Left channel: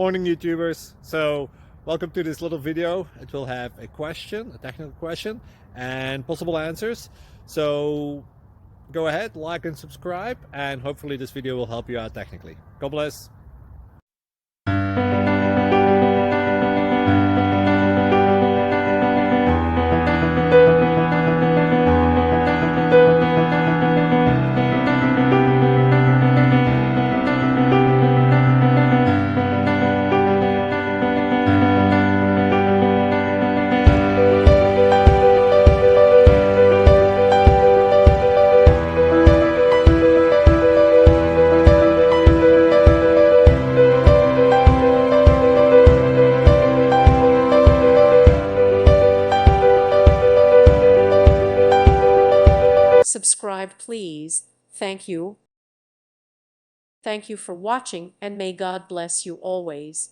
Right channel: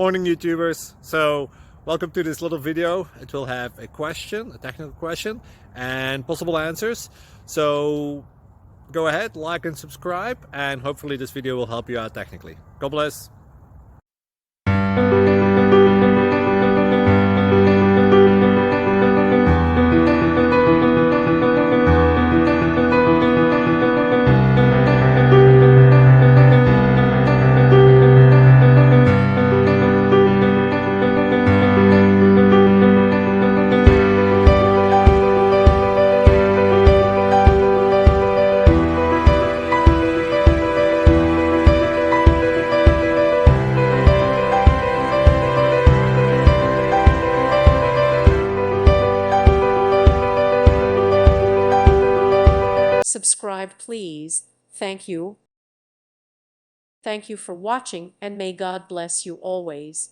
Morning, YouTubers. So welcome to this little video. It will have a question, a technical question, and possible answers. So go ahead, like and subscribe, and hopefully this video will help you out technically. God bless. Subscribe, please. Thank you. Thank you for watching, and may God bless you always.